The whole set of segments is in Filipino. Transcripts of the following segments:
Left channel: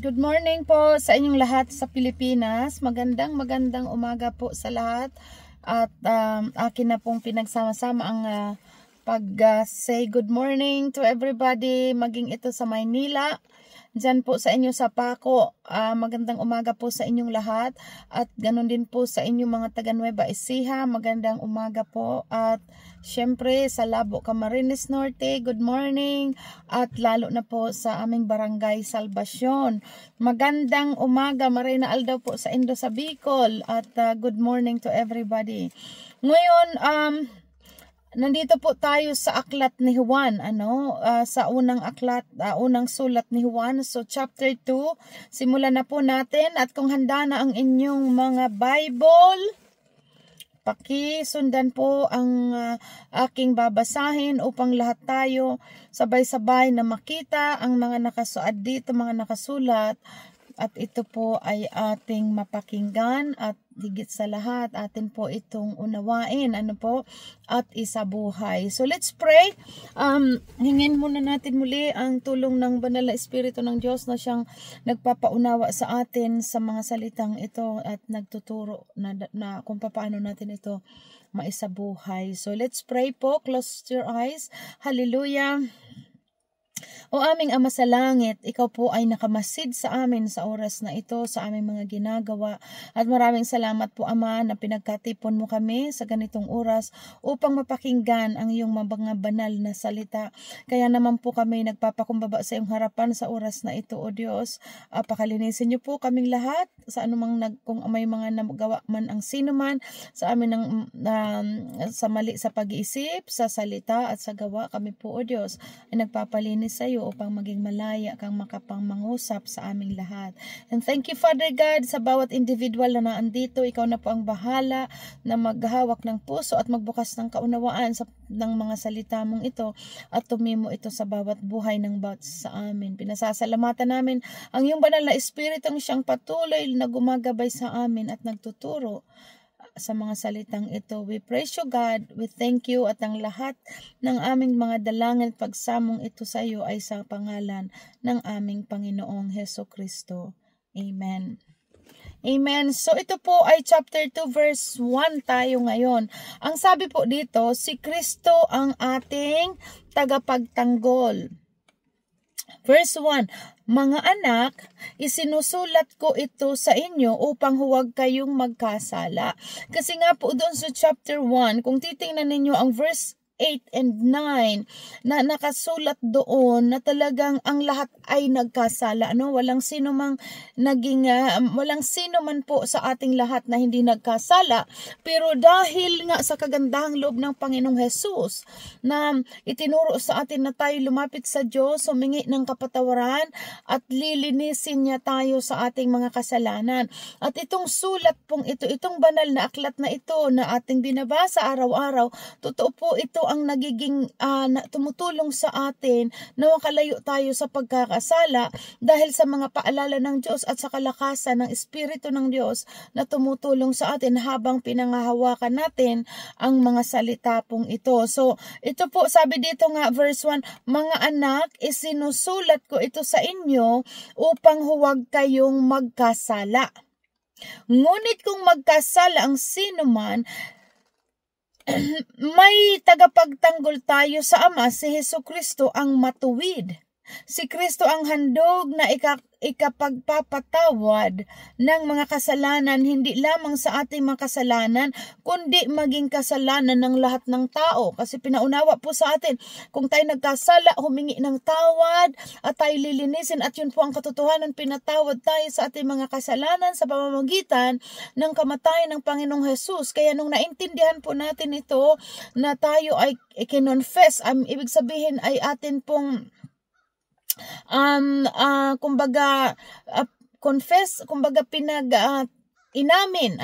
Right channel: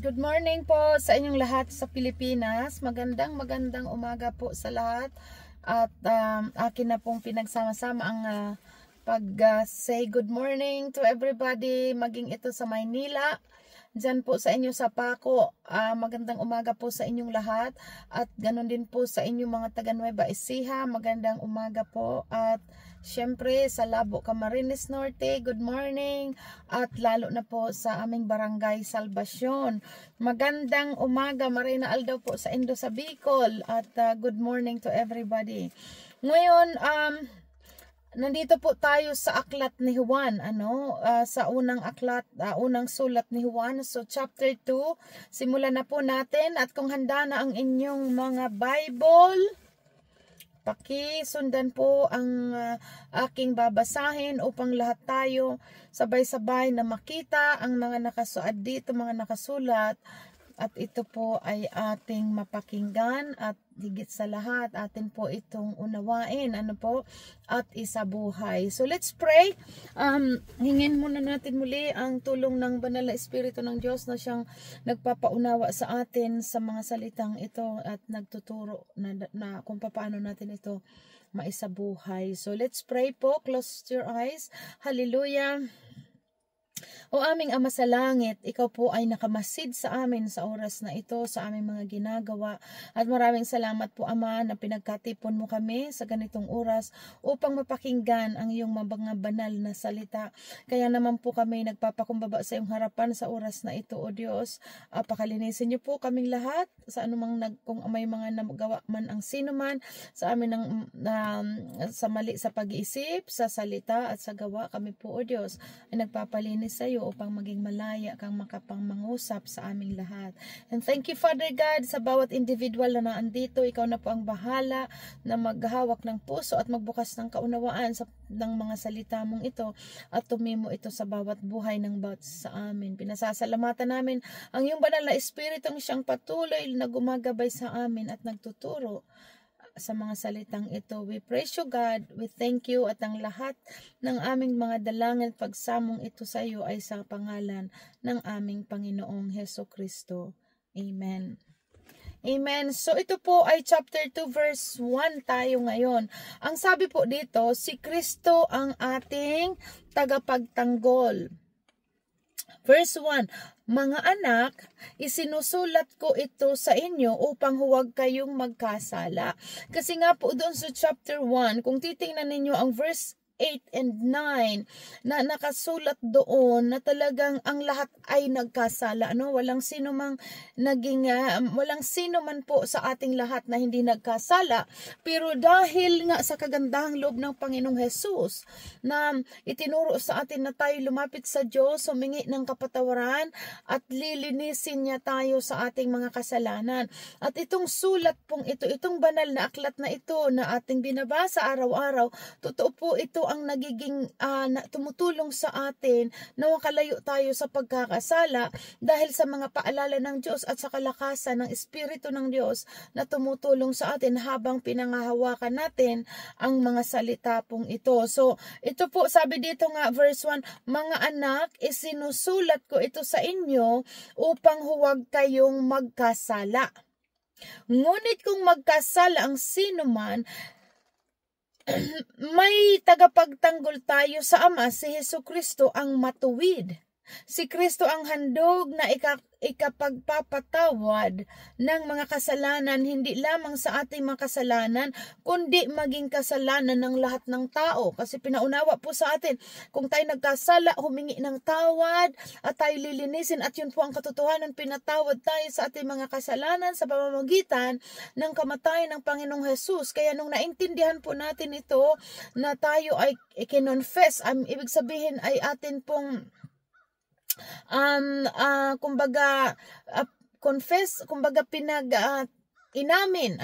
Good morning po sa inyong lahat sa Pilipinas. Magandang umaga po sa lahat. At akin na pong pinagsama-sama ang pag-say good morning to everybody. Maging ito sa Maynila, dyan po sa inyo sa Paco. Magandang umaga po sa inyong lahat. At ganun din po sa inyong mga taga Nueva Ecija. Magandang umaga po. At syempre sa Labo, Camarines Norte, good morning. At lalo na po sa aming barangay Salvacion. Magandang umaga, Marina Aldaw po sa Indo sa Bicol. At good morning to everybody. Ngayon, nandito po tayo sa aklat ni Juan, sa unang aklat, unang sulat ni Juan. So chapter 2, simulan na po natin. At kung handa na ang inyong mga Bible, pakisundan po ang aking babasahin upang lahat tayo sabay-sabay na makita ang mga nakasuad dito, mga nakasulat. At ito po ay ating mapakinggan at higit sa lahat atin po itong unawain, at isabuhay. So let's pray. Hingin muna natin muli ang tulong ng Banal na Espiritu ng Diyos na siyang nagpapaunawa sa atin sa mga salitang ito at nagtuturo na kung paano natin ito maisabuhay. So let's pray po. Close your eyes. Hallelujah. O aming Ama sa langit, ikaw po ay nakamasid sa amin sa oras na ito, sa aming mga ginagawa. At maraming salamat po, Ama, na pinagkatipon mo kami sa ganitong oras upang mapakinggan ang iyong mga banal na salita. Kaya naman po kami nagpapakumbaba sa iyong harapan sa oras na ito, O Diyos. Pakalinisin niyo po kaming lahat sa anumang kung may mga nagawa man ang sino man sa amin sa mali sa pag-iisip, sa salita at sa gawa. Kami po, O Diyos, ay nagpapalinis sa iyo upang maging malaya kang makapangmangusap sa aming lahat. And thank you, Father God, sa bawat individual na naandito. Ikaw na po ang bahala na maghawak ng puso at magbukas ng kaunawaan ng mga salita mong ito at tumimo ito sa bawat buhay ng bawat sa amin. Pinasasalamatan namin ang iyong banal na Espiritu ang siyang patuloy na gumagabay sa amin at nagtuturo sa mga salitang ito. We praise you, God. We thank you at ang lahat ng aming mga dalangin at pagsamong ito sa iyo ay sa pangalan ng aming Panginoong Heso Kristo. Amen. Amen. So ito po ay chapter 2 verse 1 tayo ngayon. Ang sabi po dito, si Kristo ang ating tagapagtanggol. Verse 1, mga anak, isinusulat ko ito sa inyo upang huwag kayong magkasala. Kasi nga po doon sa chapter 1, kung titingnan ninyo ang verse 8 and 9 na nakasulat doon na talagang ang lahat ay nagkasala, walang sino man po sa ating lahat na hindi nagkasala, pero dahil nga sa kagandahang loob ng Panginoong Hesus na itinuro sa atin na tayo lumapit sa Diyos, humingi ng kapatawaran at lilinisin niya tayo sa ating mga kasalanan. At itong sulat pong ito, itong banal na aklat na ito na ating binabasa araw-araw, totoo po ito ang nagiging tumutulong sa atin na makalayo tayo sa pagkakasala dahil sa mga paalala ng Diyos at sa kalakasan ng Espiritu ng Diyos na tumutulong sa atin habang pinangahawakan natin ang mga salita pong ito. So, ito po sabi dito nga verse 1, mga anak, isinusulat ko ito sa inyo upang huwag kayong magkasala. Ngunit kung magkasala ang sino man, may tagapagtanggol tayo sa Ama, si Jesucristo ang matuwid. Si Kristo ang handog na ikapagpapatawad ng mga kasalanan, hindi lamang sa ating mga kasalanan, kundi maging kasalanan ng lahat ng tao. Kasi pinaunawa po sa atin, kung tayo nagkasala, humingi ng tawad at tayo lilinisin. At yun po ang katotohanan, pinatawad tayo sa ating mga kasalanan sa pamamagitan ng kamatayan ng Panginoong Hesus. Kaya nung naintindihan po natin ito, na tayo ay kinonfess, ibig sabihin ay atin pong confess, kumbaga inamin,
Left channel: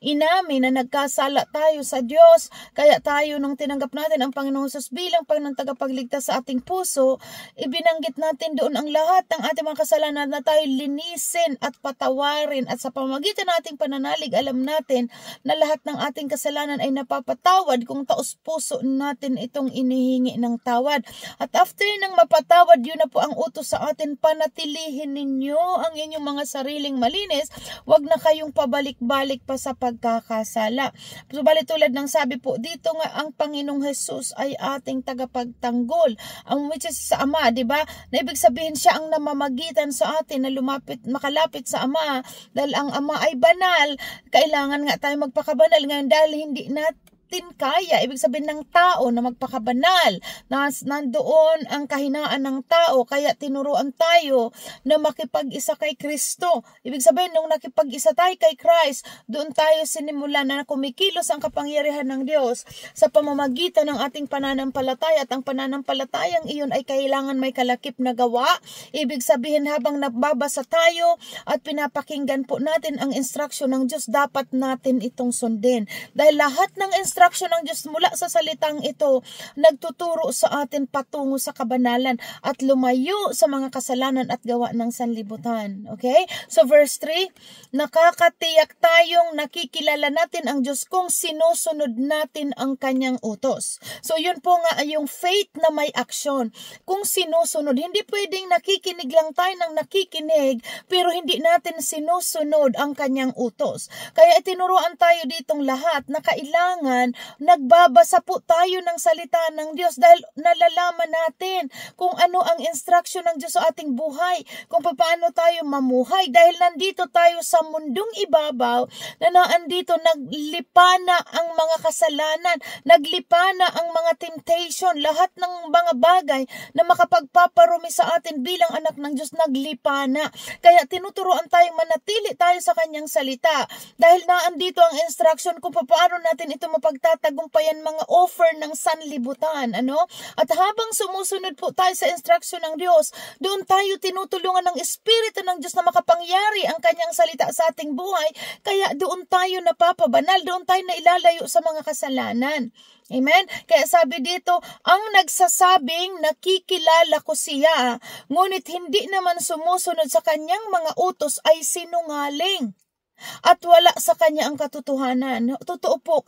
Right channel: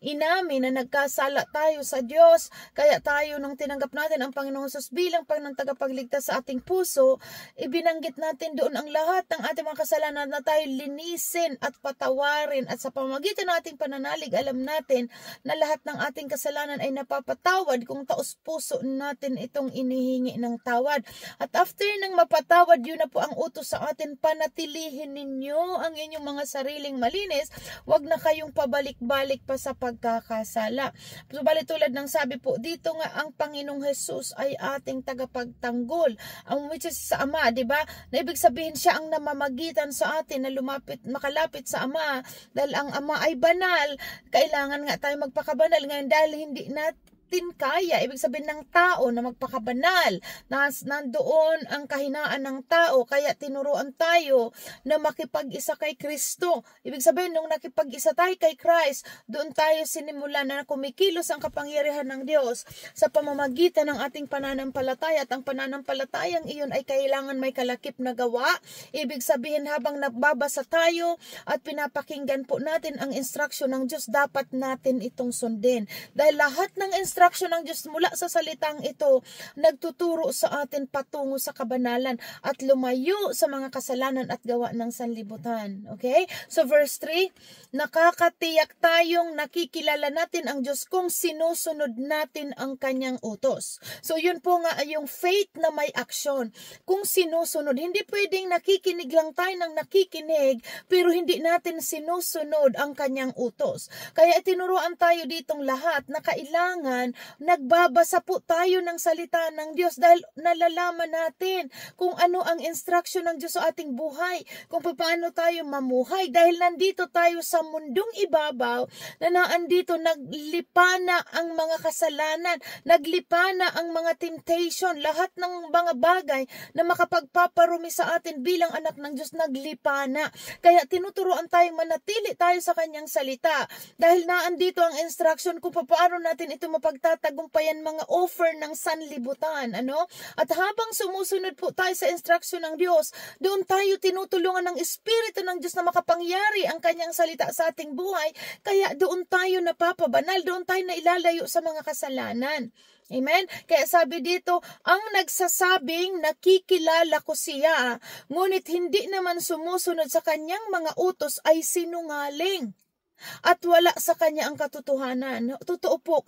inamin na nagkasala tayo sa Diyos, kaya tayo nung tinanggap natin ang Panginoong Hesus bilang Panginoong tagapagligtas sa ating puso, ibinanggit natin doon ang lahat ng ating mga kasalanan na tayo linisin at patawarin, at sa pamamagitan ng ating pananalig, alam natin na lahat ng ating kasalanan ay napapatawad kung taos puso natin itong inihingi ng tawad. At after nang mapatawad, yun na po ang utos sa atin, panatilihin ninyo ang inyong mga sariling malinis, wag na kayong pabalik-balik pa sa pagkakasala. Subalit tulad ng sabi po dito nga, ang Panginoong Hesus ay ating tagapagtanggol, which is sa Ama, di ba? Na ibig sabihin siya ang namamagitan sa atin na makalapit sa Ama, dahil ang Ama ay banal. Kailangan nga tayo magpakabanal ngayon dahil hindi natin kaya, ibig sabihin ng tao na magpakabanal, na nandoon ang kahinaan ng tao, kaya tinuruan tayo na makipag-isa kay Kristo. Ibig sabihin, nung nakipag-isa tayo kay Christ, doon tayo sinimula na kumikilos ang kapangyarihan ng Diyos sa pamamagitan ng ating pananampalataya, at ang pananampalatayang iyon ay kailangan may kalakip na gawa. Ibig sabihin, habang nagbabasa tayo at pinapakinggan po natin ang instruction ng Diyos, dapat natin itong sundin. Dahil lahat ng instruction ng Diyos mula sa salitang ito nagtuturo sa atin patungo sa kabanalan at lumayo sa mga kasalanan at gawa ng sanlibutan. Okay? So verse 3, nakakatiyak tayong nakikilala natin ang Diyos kung sinusunod natin ang kanyang utos. So yun po nga ay yung faith na may action. Kung sinusunod, hindi pwedeng nakikinig lang tayo ng nakikinig pero hindi natin sinusunod ang kanyang utos. Kaya itinuruan tayo ditong lahat na kailangan nagbabasa po tayo ng salita ng Diyos, dahil nalalaman natin kung ano ang instruction ng Diyos sa ating buhay, kung paano tayo mamuhay, dahil nandito tayo sa mundong ibabaw na naandito naglipana ang mga kasalanan, naglipana ang mga temptation, lahat ng mga bagay na makapagpaparumi sa atin bilang anak ng Diyos naglipana. Kaya tinuturuan tayong manatili tayo sa kanyang salita, dahil naandito ang instruction kung paano natin ito mapagtatagumpayan, mga offer ng sanlibutan. At habang sumusunod po tayo sa instruction ng Diyos, doon tayo tinutulungan ng Espiritu ng Diyos na makapangyari ang kanyang salita sa ating buhay, kaya doon tayo napapabanal, doon tayo nailalayo sa mga kasalanan. Amen? Kaya sabi dito, ang nagsasabing nakikilala ko siya, ngunit hindi naman sumusunod sa kanyang mga utos ay sinungaling, at wala sa kanya ang katotohanan. Totoo po,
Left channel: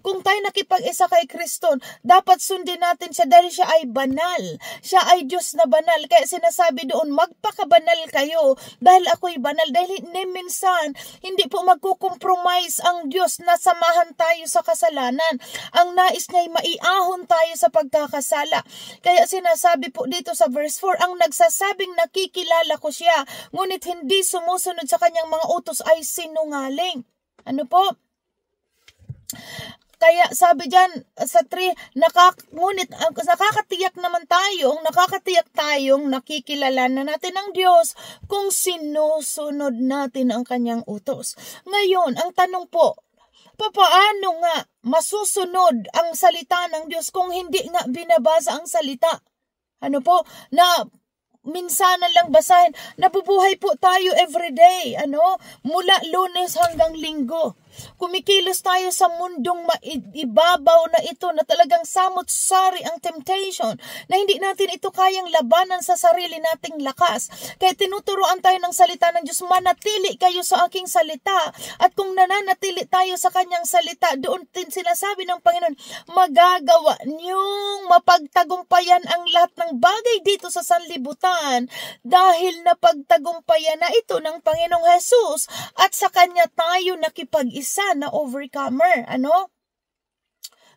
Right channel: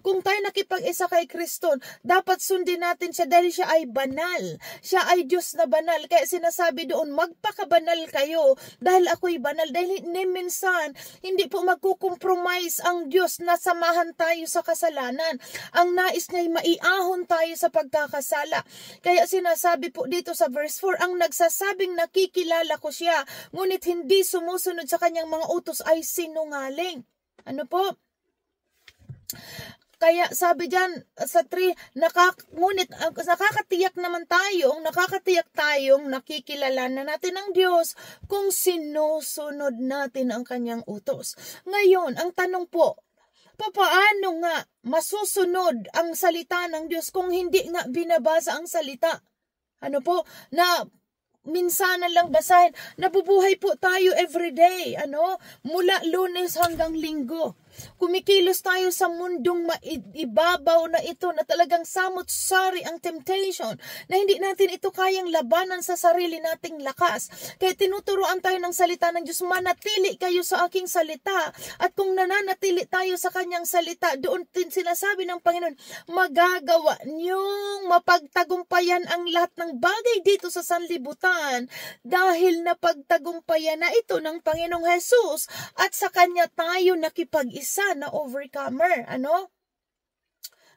kung tayo nakipag-isa kay Kristo, dapat sundin natin siya dahil siya ay banal. Siya ay Diyos na banal. Kaya sinasabi doon, magpakabanal kayo dahil ako'y banal. Dahil minsan, hindi po magkukompromise ang Diyos na samahan tayo sa kasalanan. Ang nais niya'y maiahon tayo sa pagkakasala. Kaya sinasabi po dito sa verse 4, ang nagsasabing nakikilala ko siya, ngunit hindi sumusunod sa kanyang mga utos ay sinungaling. Kaya sabi diyan sa 3, ngunit nakakatiyak tayong nakikilala na natin ang Diyos kung sinusunod natin ang kanyang utos. Ngayon, ang tanong po, paano nga masusunod ang salita ng Diyos kung hindi nga binabasa ang salita? Na minsanan lang basahin. Nabubuhay po tayo everyday, mula Lunes hanggang Linggo. Kumikilos tayo sa mundong ibabaw na ito na talagang samot-sari ang temptation, na hindi natin ito kayang labanan sa sarili nating lakas. Kaya tinuturuan tayo ng salita ng Diyos, manatili kayo sa aking salita. At kung nananatili tayo sa kanyang salita, doon din sinasabi ng Panginoon, magagawa niyong mapagtagumpayan ang lahat ng bagay dito sa sanlibutan, dahil napagtagumpayan na ito ng Panginoong Hesus, at sa kanya tayo nakipag-isa na overcomer.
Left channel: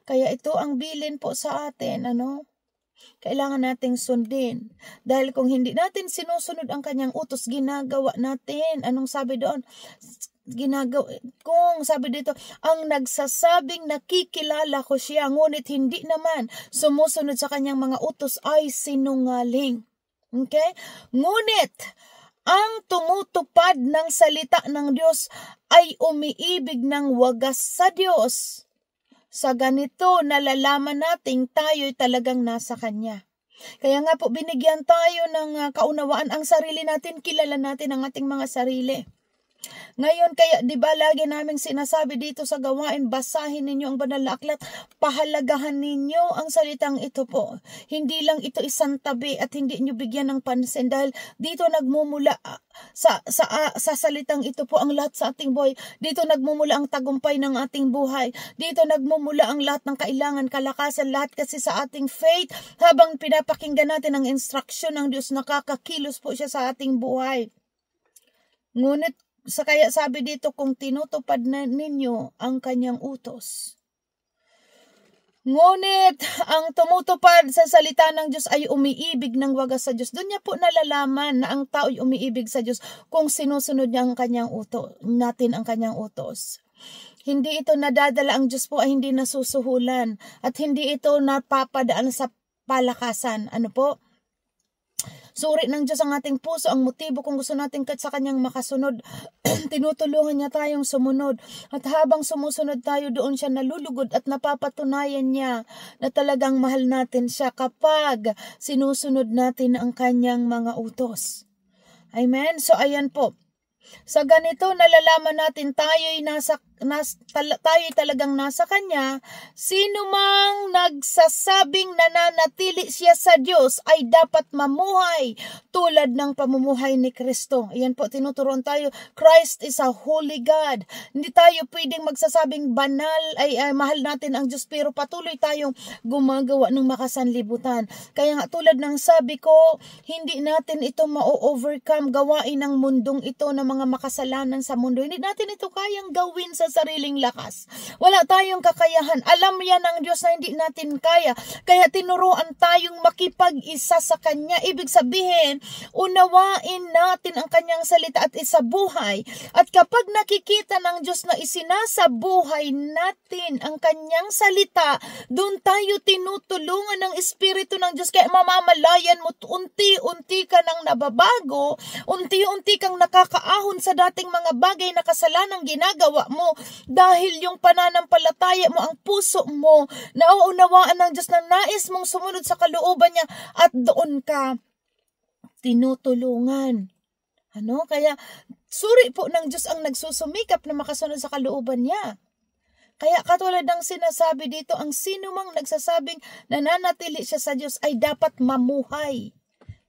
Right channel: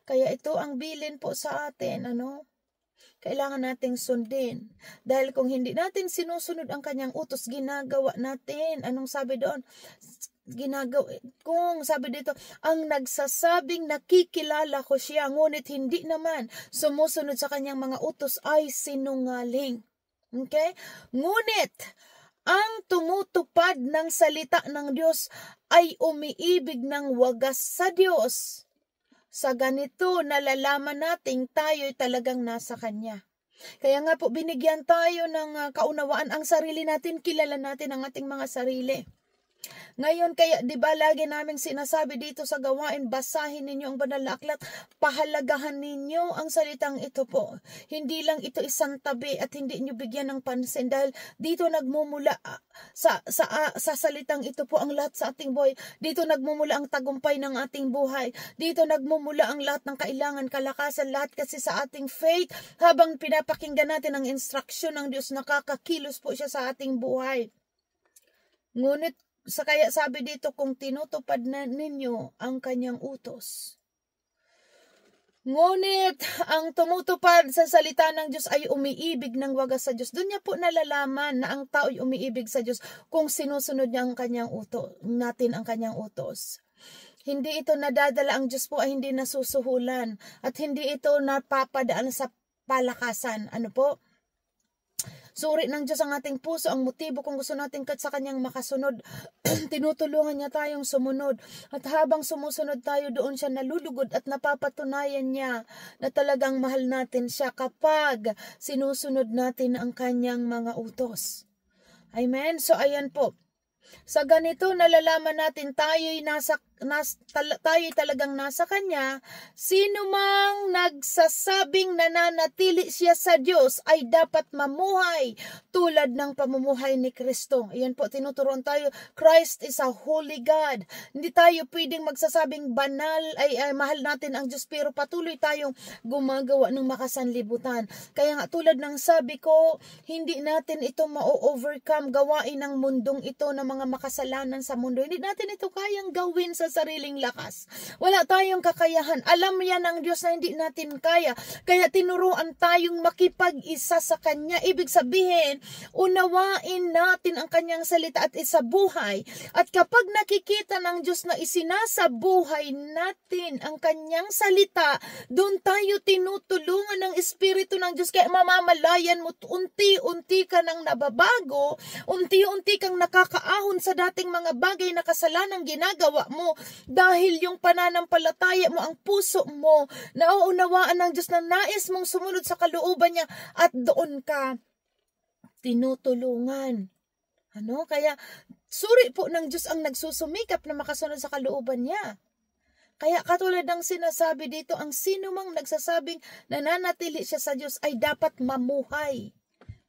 Kaya ito ang bilin po sa atin. Kailangan nating sundin. Dahil kung hindi natin sinusunod ang kanyang utos, ginagawa natin. Anong sabi doon? Kung sabi dito, ang nagsasabing nakikilala ko siya, ngunit hindi naman sumusunod sa kanyang mga utos ay sinungaling. Okay? Ngunit, ang tumutupad ng salita ng Diyos ay umiibig ng wagas sa Diyos. Sa ganito, nalalaman nating tayo'y talagang nasa Kanya. Kaya nga po, binigyan tayo ng kaunawaan ang sarili natin, kilala natin ang ating mga sarili. Ngayon, kaya di ba lagi naming sinasabi dito sa gawain, basahin ninyo ang banal na aklat, pahalagahan ninyo ang salitang ito po. Hindi lang ito isang tabi at hindi nyo bigyan ng pansin dahil dito nagmumula sa salitang ito po ang lahat sa ating buhay. Dito nagmumula ang tagumpay ng ating buhay. Dito nagmumula ang lahat ng kailangan, kalakasan, lahat kasi sa ating faith. Habang pinapakinggan natin ang instruction ng Diyos, nakakakilos po siya sa ating buhay. Ngunit kaya sabi dito, kung tinutupad na ninyo ang kanyang utos. Ngunit ang tumutupad sa salita ng Diyos ay umiibig ng wagas sa Diyos. Doon niya po nalalaman na ang tao ay umiibig sa Diyos kung sinusunod niya ang kanyang utos, natin ang kanyang utos. Hindi ito nadadala, ang Diyos po ay hindi nasusuhulan at hindi ito napapadaan sa palakasan. Ano po? Suri ng Diyos ang ating puso, ang motibo kung gusto natin sa kanyang makasunod. Tinutulungan niya tayong sumunod. At habang sumusunod tayo, doon siya nalulugod at napapatunayan niya na talagang mahal natin siya kapag sinusunod natin ang kanyang mga utos. Amen? So ayan po. Sa ganito, nalalaman natin tayo'y talagang nasa Kanya. Sino mang nagsasabing nananatili siya sa Diyos ay dapat mamuhay tulad ng pamumuhay ni Kristo. Ayan po, tinuturuan tayo, Christ is a holy God. Hindi tayo pwedeng magsasabing banal, ay mahal natin ang Diyos, pero patuloy tayong gumagawa ng makasanlibutan. Kaya nga tulad ng sabi ko, hindi natin ito ma-overcome, gawain ng mundong ito na mga makasalanan sa mundo. Hindi natin ito kayang gawin sa sariling lakas. Wala tayong kakayahan. Alam yan ng Diyos na hindi natin kaya. Kaya tinuruan tayong makipag-isa sa Kanya. Ibig sabihin, unawain natin ang Kanyang salita at isabuhay. At kapag nakikita ng Diyos na isinasabuhay natin ang Kanyang salita, doon tayo tinutulungan ng Espiritu ng Diyos. Kaya mamamalayan mo, unti-unti ka nang nababago, unti-unti kang nakakaahon sa dating mga bagay na kasalanang ginagawa mo dahil yung pananampalataya mo, ang puso mo, nauunawaan ng Diyos na nais mong sumunod sa kalooban niya at doon ka tinutulungan. Kaya suri po ng Diyos ang nagsusumikap na makasunod sa kalooban niya. Kaya katulad ng sinasabi dito, ang sino mang nagsasabing nananatili siya sa Diyos ay dapat mamuhay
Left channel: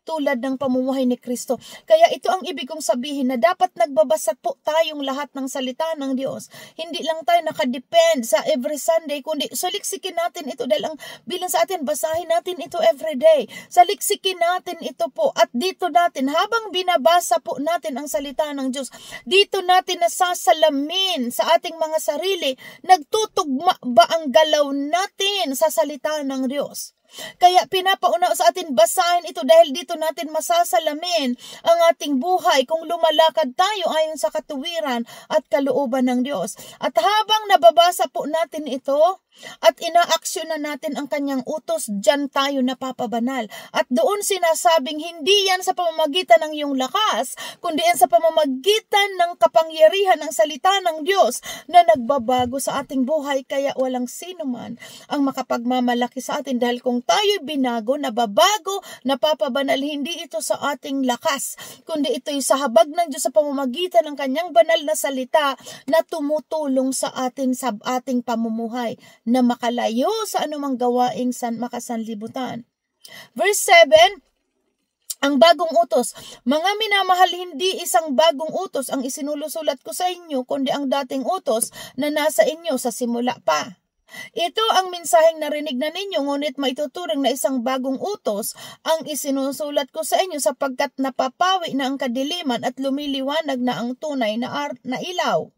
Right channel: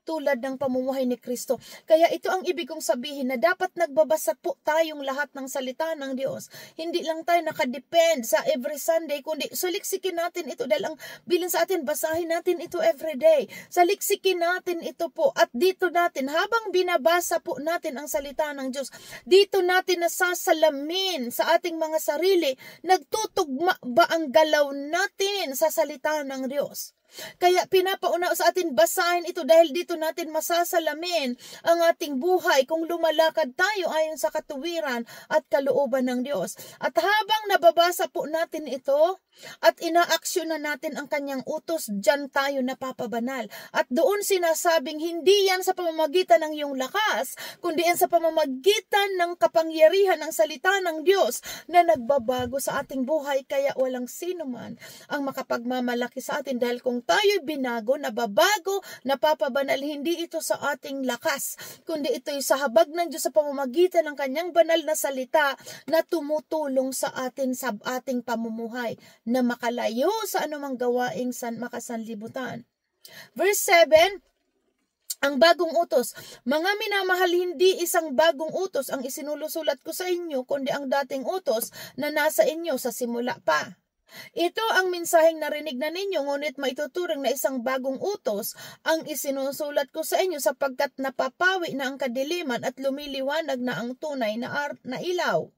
tulad ng pamumuhay ni Kristo. Kaya ito ang ibig kong sabihin na dapat nagbabasa po tayong lahat ng salita ng Diyos. Hindi lang tayo nakadepend sa every Sunday, kundi saliksikin natin ito dahil ang bilang sa atin, basahin natin ito every day. Saliksikin natin ito po at dito natin, habang binabasa po natin ang salita ng Diyos, dito natin nasasalamin sa ating mga sarili, nagtutugma ba ang galaw natin sa salita ng Diyos. Kaya pinapauna sa atin basahin ito dahil dito natin masasalamin ang ating buhay kung lumalakad tayo ayon sa katuwiran at kalooban ng Diyos. At habang nababasa po natin ito at inaaksyonan natin ang kanyang utos, diyan tayo napapabanal. At doon sinasabing hindi yan sa pamamagitan ng iyong lakas, kundi yan sa pamamagitan ng kapangyarihan ng salita ng Diyos na nagbabago sa ating buhay. Kaya walang sino man ang makapagmamalaki sa atin dahil kung tayo'y binago, nababago, napapabanal, hindi ito sa ating lakas, kundi ito'y sa habag ng Diyos sa pamamagitan ng kanyang banal na salita na tumutulong sa atin sa ating pamumuhay na makalayo sa anumang gawaing makasanlibutan. Verse 7, ang bagong utos. Mga minamahal, hindi isang bagong utos ang isinulusulat ko sa inyo, kundi ang dating utos na nasa inyo sa simula pa. Ito ang mensaheng narinig na ninyo, ngunit maituturing na isang bagong utos ang isinusulat ko sa inyo sapagkat napapawi na ang kadiliman at lumiliwanag na ang tunay na ilaw.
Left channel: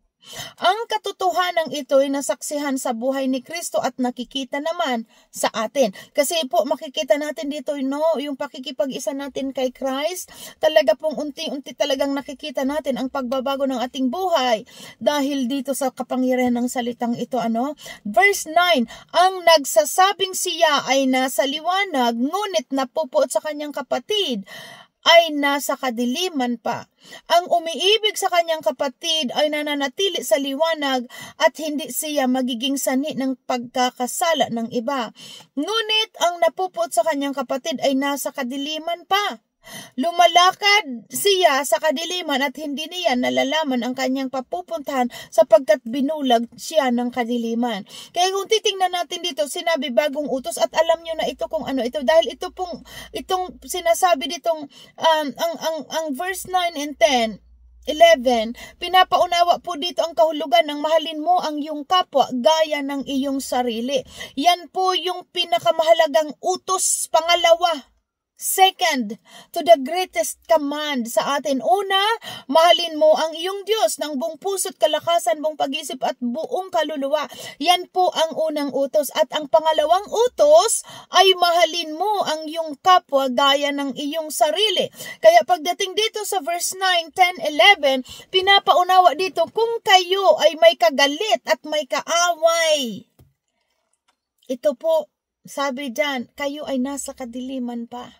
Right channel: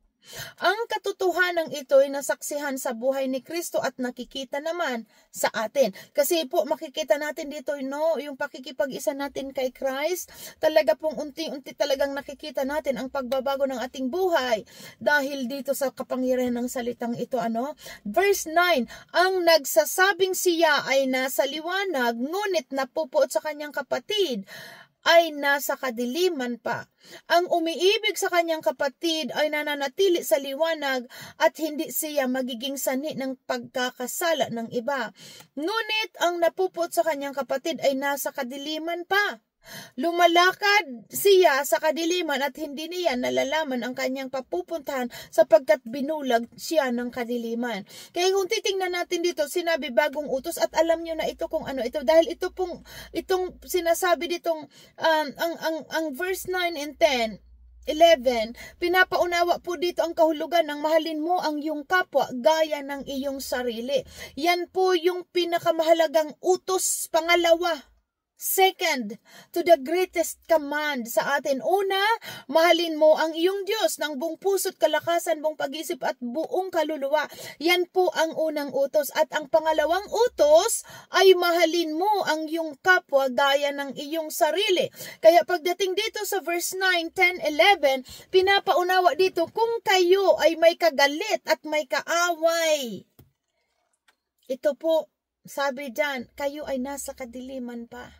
Ang katotohanan ito ay nasaksihan sa buhay ni Kristo at nakikita naman sa atin. Kasi po makikita natin dito, yung pakikipag-isa natin kay Christ, talaga pong unti-unti talagang nakikita natin ang pagbabago ng ating buhay dahil dito sa kapangyarihan ng salitang ito. Verse 9, ang nagsasabing siya ay nasa liwanag, ngunit napupuot sa kanyang kapatid ay nasa kadiliman pa. Ang umiibig sa kanyang kapatid ay nananatili sa liwanag at hindi siya magiging sanhi ng pagkakasala ng iba. Ngunit ang napupuot sa kanyang kapatid ay nasa kadiliman pa. Lumalakad siya sa kadiliman at hindi niya nalalaman ang kanyang papupuntahan sapagkat binulag siya ng kadiliman. Kaya kung titingnan natin dito, sinabi bagong utos at alam nyo na ito kung ano ito. Dahil itong sinasabi ditong ang verse 9 and 10, 11, pinapaunawa po dito ang kahulugan ng mahalin mo ang iyong kapwa gaya ng iyong sarili. Yan po yung pinakamahalagang utos, pangalawa. Second, to the greatest command sa atin. Una, mahalin mo ang iyong Diyos ng buong puso't kalakasan, buong pag-isip at buong kaluluwa. Yan po ang unang utos. At ang pangalawang utos ay mahalin mo ang iyong kapwa gaya ng iyong sarili. Kaya pagdating dito sa verse 9, 10, 11, pinapaunawa dito kung kayo ay may kagalit at may kaaway. Ito po, sabi dyan, kayo ay nasa kadiliman pa.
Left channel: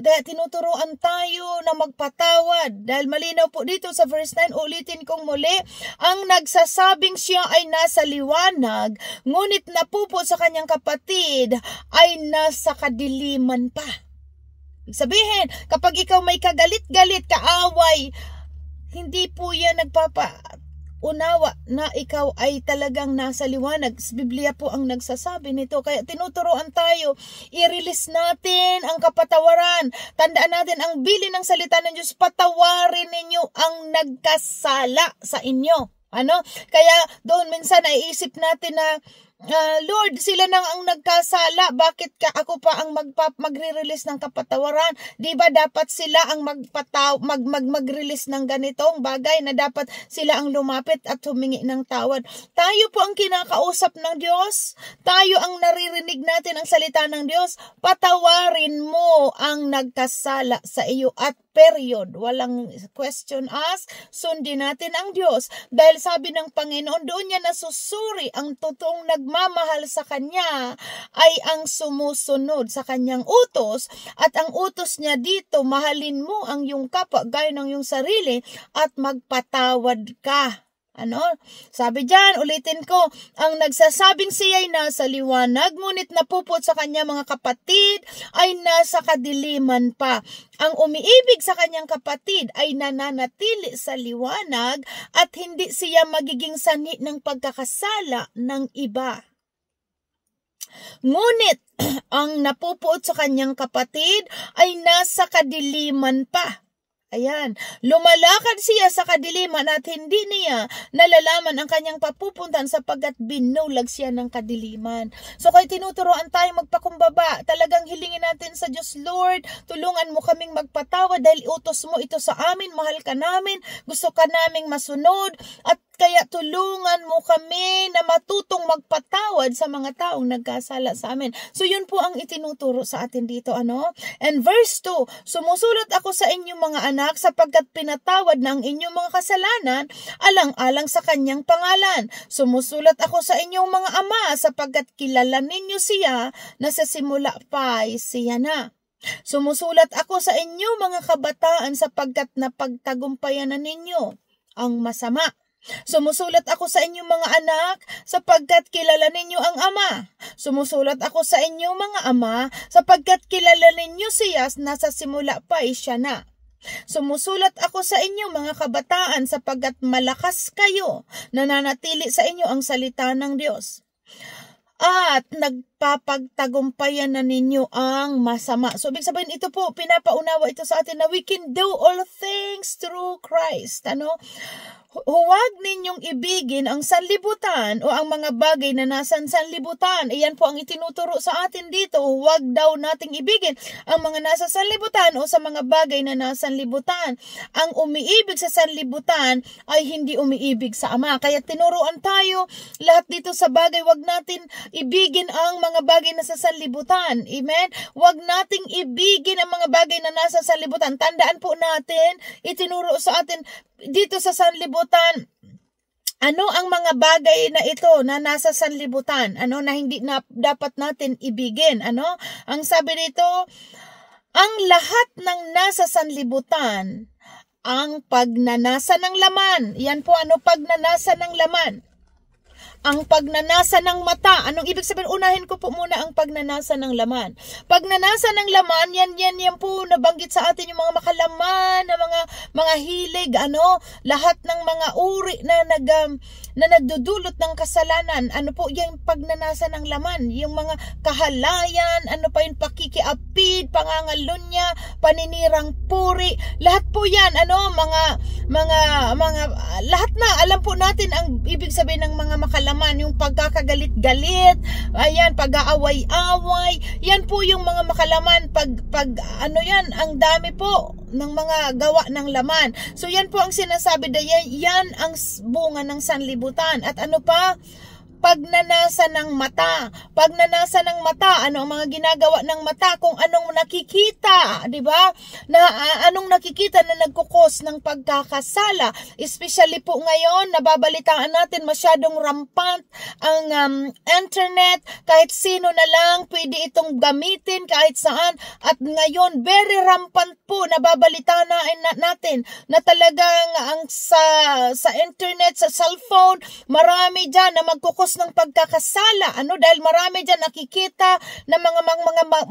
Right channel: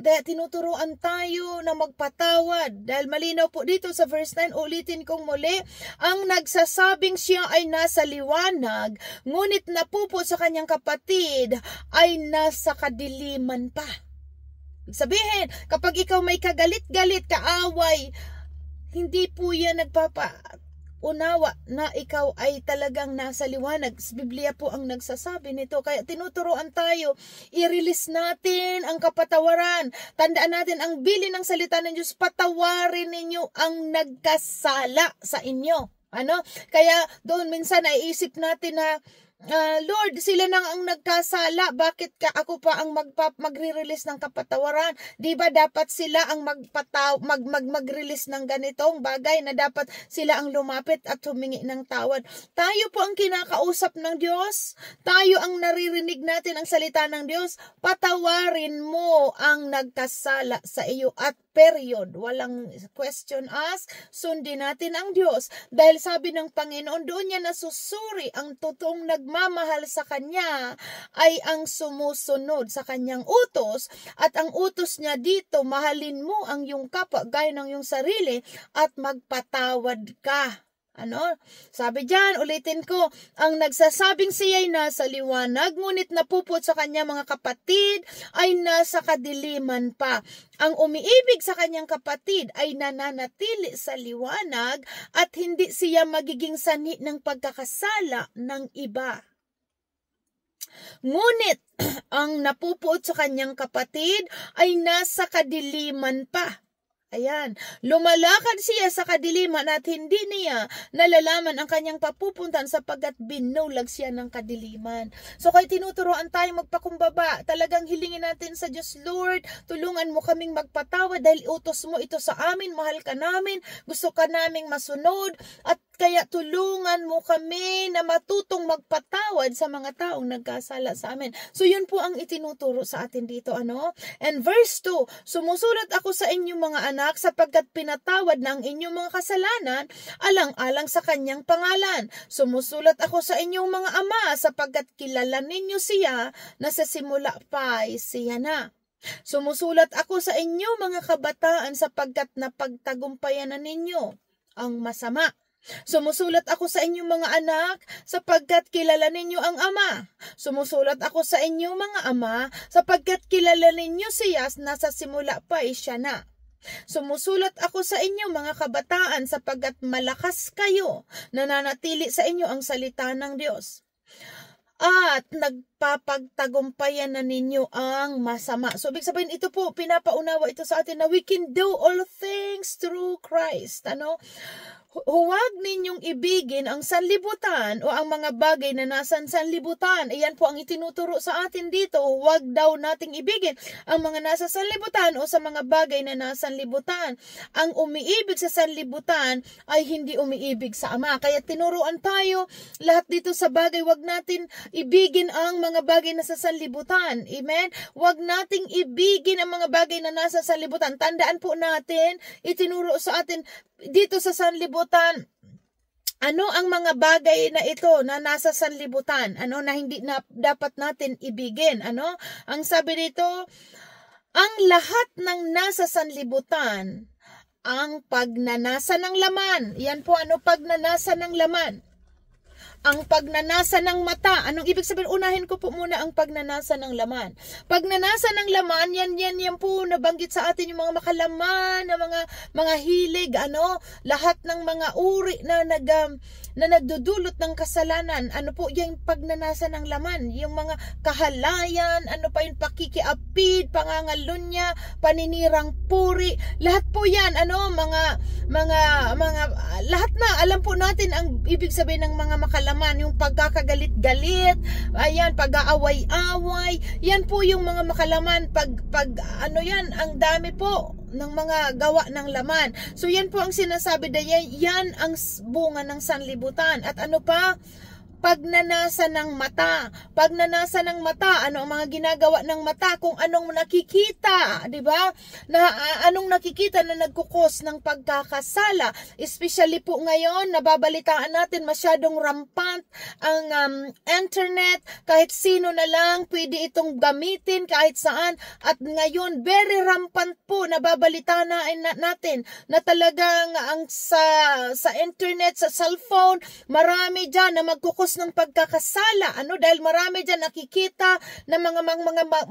Kaya tinuturuan tayo na magpatawad. Dahil malinaw po dito sa verse 9, ulitin kong muli, ang nagsasabing siya ay nasa liwanag, ngunit napupo sa kanyang kapatid ay nasa kadiliman pa. Sabihin, kapag ikaw may kagalit-galit, kaaway, hindi po yan unawa na ikaw ay talagang nasa liwanag. Biblia po ang nagsasabi nito. Kaya tinuturuan tayo, i-release natin ang kapatawaran. Tandaan natin ang bili ng salita ng Diyos, patawarin ninyo ang nagkasala sa inyo. Kaya doon minsan naiisip natin na Lord, sila nang ang nagkasala, bakit ako pa ang magre-release ng kapatawaran? Di ba dapat sila ang mag-release ng ganitong bagay na dapat sila ang lumapit at humingi ng tawad? Tayo po ang kinakausap ng Diyos. Tayo ang naririnig natin ang salita ng Diyos. Patawarin mo ang nagkasala sa iyo at period. Walang question ask. Sundin natin ang Diyos. Dahil sabi ng Panginoon, doon niya nasusuri ang totoong nagmamahal sa Kanya ay ang sumusunod sa Kanyang utos. At ang utos niya dito, mahalin mo ang iyong kapwa gaya ng iyong sarili at magpatawad ka. Sabi dyan, ulitin ko, ang nagsasabing siya'y nasa liwanag, ngunit napupot sa kanya mga kapatid ay nasa kadiliman pa. Ang umiibig sa kanyang kapatid ay nananatili sa liwanag at hindi siya magiging sanhi ng pagkakasala ng iba. Ngunit ang napupuot sa kanyang kapatid ay nasa kadiliman pa. Ayan, lumalakad siya sa kadiliman at hindi niya nalalaman ang kanyang papupuntan sapagkat binulag siya ng kadiliman. So kaya tinuturoan tayo magpakumbaba. Talagang hilingin natin sa Diyos, Lord, tulungan mo kaming magpatawad dahil utos mo ito sa amin, mahal ka namin, gusto ka naming masunod, at kaya tulungan mo kami na matutong magpatawad sa mga taong nagkasala sa amin. So yun po ang itinuturo sa atin dito. And verse 2, sumusulat ako sa inyong mga anak sapagkat pinatawad na ang inyong mga kasalanan alang-alang sa kanyang pangalan. Sumusulat ako sa inyong mga ama sapagkat kilala ninyo siya na sa simula pa ay siya na. Sumusulat ako sa inyong mga kabataan sapagkat napagtagumpayan na ninyo ang masama. Sumusulat ako sa inyong mga anak sapagkat kilala ninyo ang Ama. Sumusulat ako sa inyong mga ama sapagkat kilala ninyo siya na sa simula pa ay siya na. Sumusulat ako sa inyong mga kabataan sapagkat malakas kayo, nananatili sa inyo ang salita ng Diyos. At nagpapagtagumpayan na ninyo ang masama. So, ibig sabihin, ito po, pinapaunawa ito sa atin na we can do all things through Christ. Huwag ninyong ibigin ang sanlibutan o ang mga bagay na nasa sanlibutan. Iyan po ang itinuturo sa atin dito. Huwag daw nating ibigin ang mga nasa sanlibutan o sa mga bagay na nasa sanlibutan. Ang umiibig sa sanlibutan ay hindi umiibig sa Ama. Kaya tinuruan tayo lahat dito sa bagay. Huwag natin ibigin ang mga bagay na sa sanlibutan. Amen? Huwag nating ibigin ang mga bagay na nasa sanlibutan. Tandaan po natin, itinuro sa atin dito sa sanlibutan, ano ang mga bagay na ito na nasa sanlibutan, na hindi na dapat natin ibigin, ang sabi dito, ang lahat ng nasa sanlibutan, ang pagnanasa ng laman, yan po pagnanasa ng laman, ang pagnanasa ng mata. Anong ibig sabihin? Unahin ko po muna ang pagnanasa ng laman. Pagnanasa ng laman, yan po nabanggit sa atin yung mga makalaman, na mga hilig, lahat ng mga uri na nagdudulot ng kasalanan. Ano po yung pagnanasa ng laman? Yung mga kahalayan, yung pakikiapid, pangangalunya, paninirang puri, lahat po yan, lahat na, alam po natin ang ibig sabihin ng mga makalaman, yung pagkakagalit-galit, ayan, pag-aaway-away, yan po yung mga makalaman, ang dami po ng mga gawa ng laman. So yan po ang sinasabi na yan ang bunga ng sanlibutan. At ano pa? Pagnanasa ng mata. Pagnanasa ng mata, ano ang mga ginagawa ng mata? Kung anong nakikita, di ba? Anong nakikita na nagkukos ng pagkakasala. Especially po ngayon, nababalitaan natin masyadong rampant ang internet. Kahit sino na lang pwede itong gamitin kahit saan. At ngayon, very rampant po, nababalitaan natin na talagang sa internet, sa cellphone, marami dyan na magkukos ng pagkakasala. Dahil marami dyan nakikita na mga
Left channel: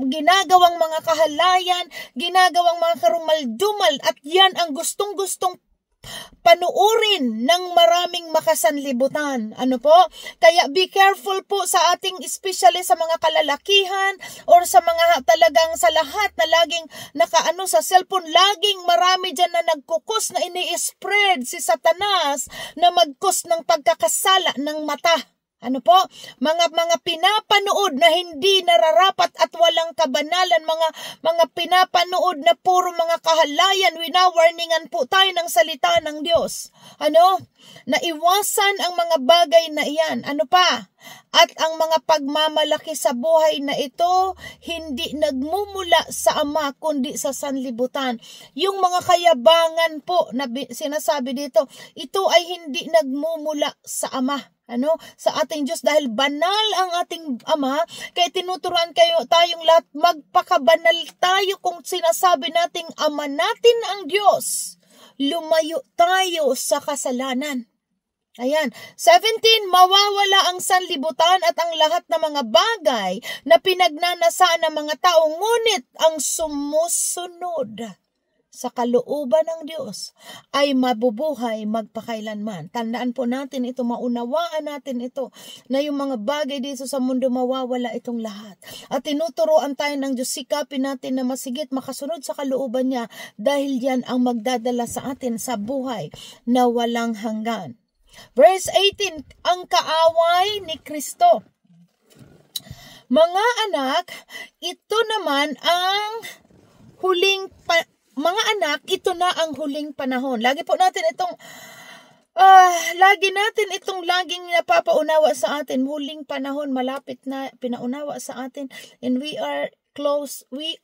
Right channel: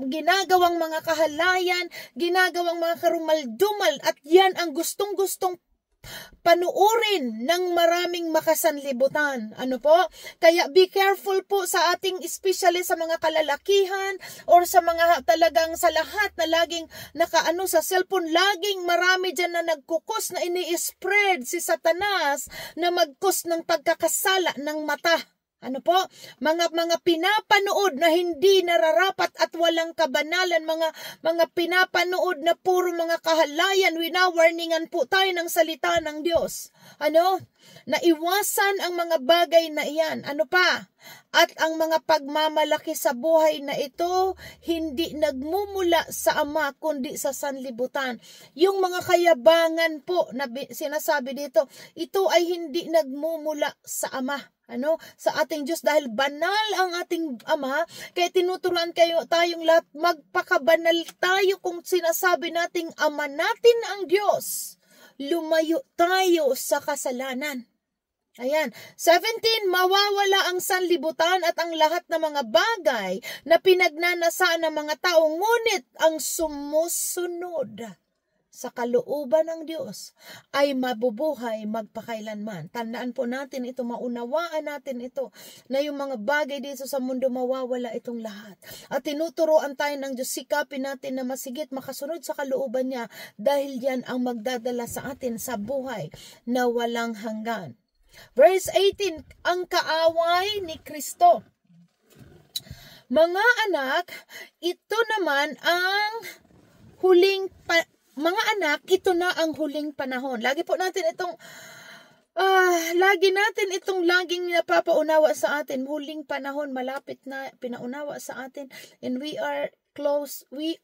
ginagawang mga kahalayan, ginagawang mga karumaldumal, at yan ang gustong-gustong panuurin ng maraming makasanlibutan. Kaya be careful po sa ating, especially sa mga kalalakihan or sa mga talagang sa lahat na laging sa cellphone, laging marami dyan na nagkukos na ini-spread si Satanas na magkos ng pagkakasala ng mata. Mga pinapanood na hindi nararapat at walang kabanalan, mga pinapanood na puro mga kahalayan. Wina-warningan po tayo ng salita ng Diyos. Na iwasan ang mga bagay na iyan. At ang mga pagmamalaki sa buhay na ito, hindi nagmumula sa Ama, kundi sa sanlibutan. Yung mga kayabangan po na sinasabi dito, ito ay hindi nagmumula sa Ama. Sa ating Diyos, dahil banal ang ating Ama, kaya tinuturuan tayong lahat, magpakabanal tayo kung sinasabi nating Ama natin ang Diyos. Lumayo tayo sa kasalanan. Ayan. 17, mawawala ang sanlibutan at ang lahat ng mga bagay na pinagnanasaan ng mga tao, ngunit ang sumusunod sa kalooban ng Diyos ay mabubuhay magpakailanman. Tandaan po natin ito, maunawaan natin ito, na yung mga bagay dito sa mundo mawawala itong lahat. At tinuturoan tayo ng Diyos, sikapin natin na masigit makasunod sa kalooban niya, dahil yan ang magdadala sa atin sa buhay na walang hanggan. Verse 18, ang kaaway ni Kristo. Mga anak, ito naman ang mga anak, ito na ang huling panahon. Lagi natin itong laging napapaunawa sa atin. Huling panahon, malapit na, pinaunawa sa atin. And we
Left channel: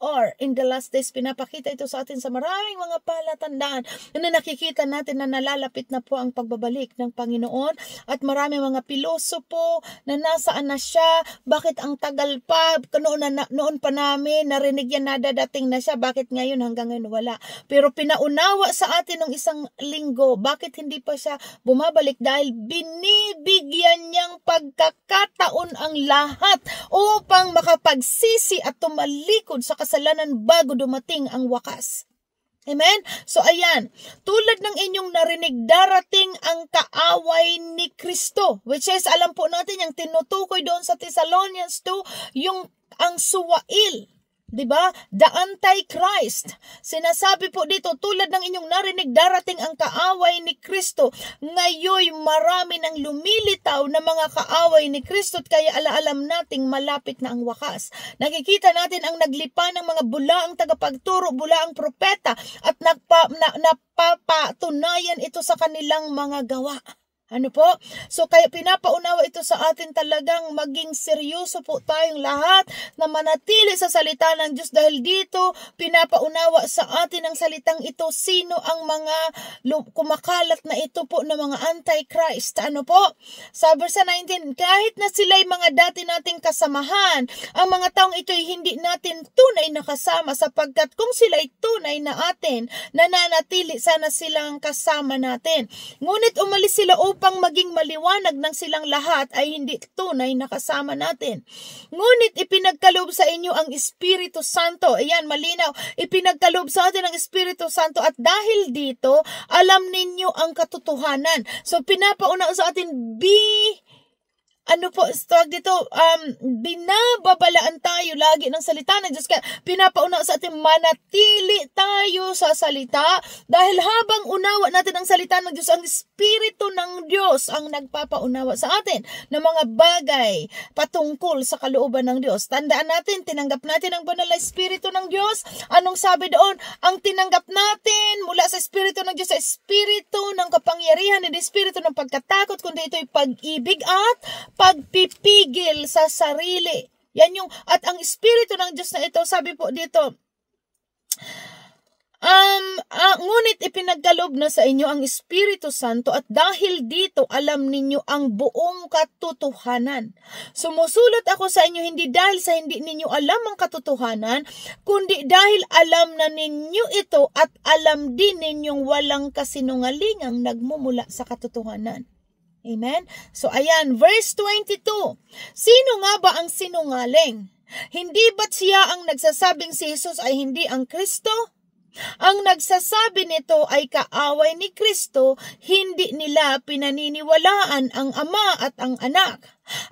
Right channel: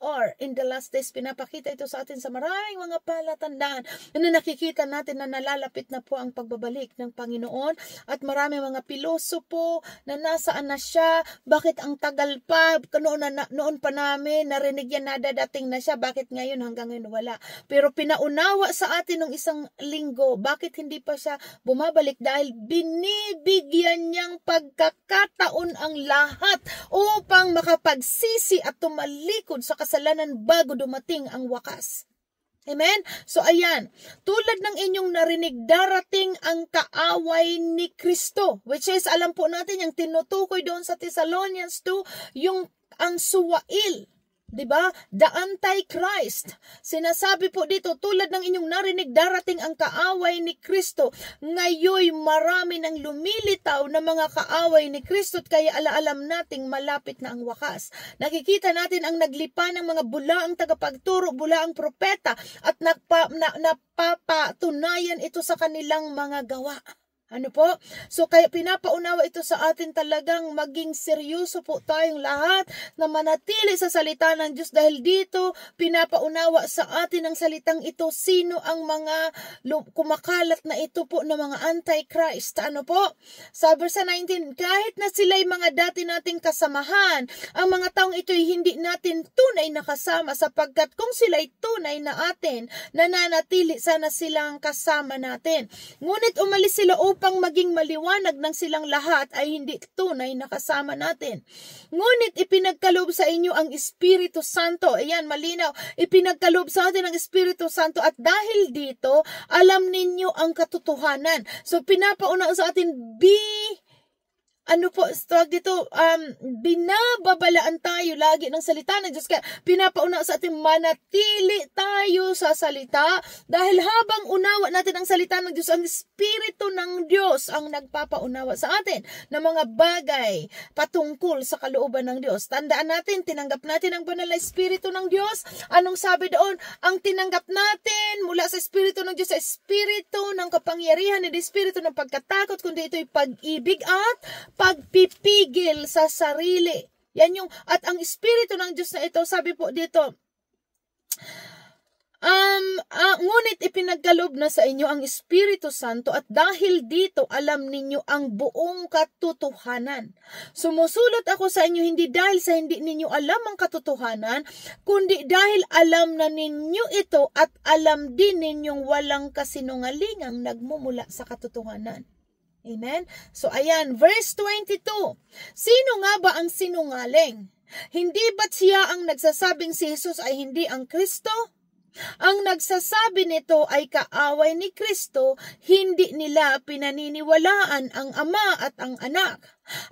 are in the last days. Pinapakita ito sa atin sa maraming mga palatandaan na nakikita natin na nalalapit na po ang pagbabalik ng Panginoon. At maraming mga pilosopo na nasaan na siya, bakit ang tagal pa, noon pa namin narinig yan na dadating na siya, bakit ngayon hanggang ngayon wala. Pero pinaunawa sa atin ng isang linggo, bakit hindi pa siya bumabalik? Dahil binibigyan niyang pagkakataon ang lahat upang makapagsisi at malikod sa kasalanan bago dumating ang wakas. Amen? So ayan, tulad ng inyong narinig, darating ang kaaway ni Kristo, which is, alam po natin, yung tinutukoy doon sa Thessalonians 2, ang suwail. Diba? The Antichrist. Sinasabi po dito, tulad ng inyong narinig, darating ang kaaway ni Kristo. Ngayon, marami nang lumilitaw na mga kaaway ni Kristo, kaya alaalam nating malapit na ang wakas. Nakikita natin ang naglipa ng mga bulaang tagapagturo, bulaang propeta, at napapatunayan ito sa kanilang mga gawa. So kaya pinapaunawa ito sa atin, talagang maging seryoso po tayong lahat na manatili sa salita ng Diyos, dahil dito pinapaunawa sa atin ang salitang ito, sino ang mga kumakalat na ito po ng mga Antichrist. Sa verse 19, kahit na sila'y mga dati nating kasamahan, ang mga taong ito'y hindi natin tunay na kasama, sapagkat kung sila'y tunay na atin, nananatili sana silang kasama natin. Ngunit umalis sila upang upang maging maliwanag ng silang lahat ay hindi tunay na kasama natin. Ngunit ipinagkaloob sa inyo ang Espiritu Santo. Ayan, malinaw. Ipinagkaloob sa atin ang Espiritu Santo at dahil dito, alam ninyo ang katotohanan. So, pinapauna sa atin, binababalaan tayo lagi ng salita ng Diyos. Kaya pinapauna sa atin, manatili tayo sa salita dahil habang unawa natin ang salita ng Diyos, ang Espiritu ng Diyos ang nagpapaunawa sa atin ng mga bagay patungkol sa kalooban ng Diyos. Tandaan natin, tinanggap natin ang banal na Espiritu ng Diyos. Anong sabi doon? Ang tinanggap natin mula sa Espiritu ng Diyos, sa Espiritu ng kapangyarihan, hindi Espiritu ng pagkatakot, kundi ito'y pag-ibig at pagpipigil sa sarili. Yan yung, at ang Espiritu ng Diyos na ito, sabi po dito, ngunit ipinagkaloob na sa inyo ang Espiritu Santo at dahil dito alam ninyo ang buong katotohanan. Sumusulat ako sa inyo hindi dahil sa hindi ninyo alam ang katotohanan, kundi dahil alam na ninyo ito at alam din ninyong walang kasinungalingang nagmumula sa katotohanan. Amen? So, ayan, verse 22. Sino nga ba ang sinungaling? Hindi ba't siya ang nagsasabing si Jesus ay hindi ang Kristo? Ang nagsasabi nito ay kaaway ni Kristo, hindi nila pinaniniwalaan ang Ama at ang Anak.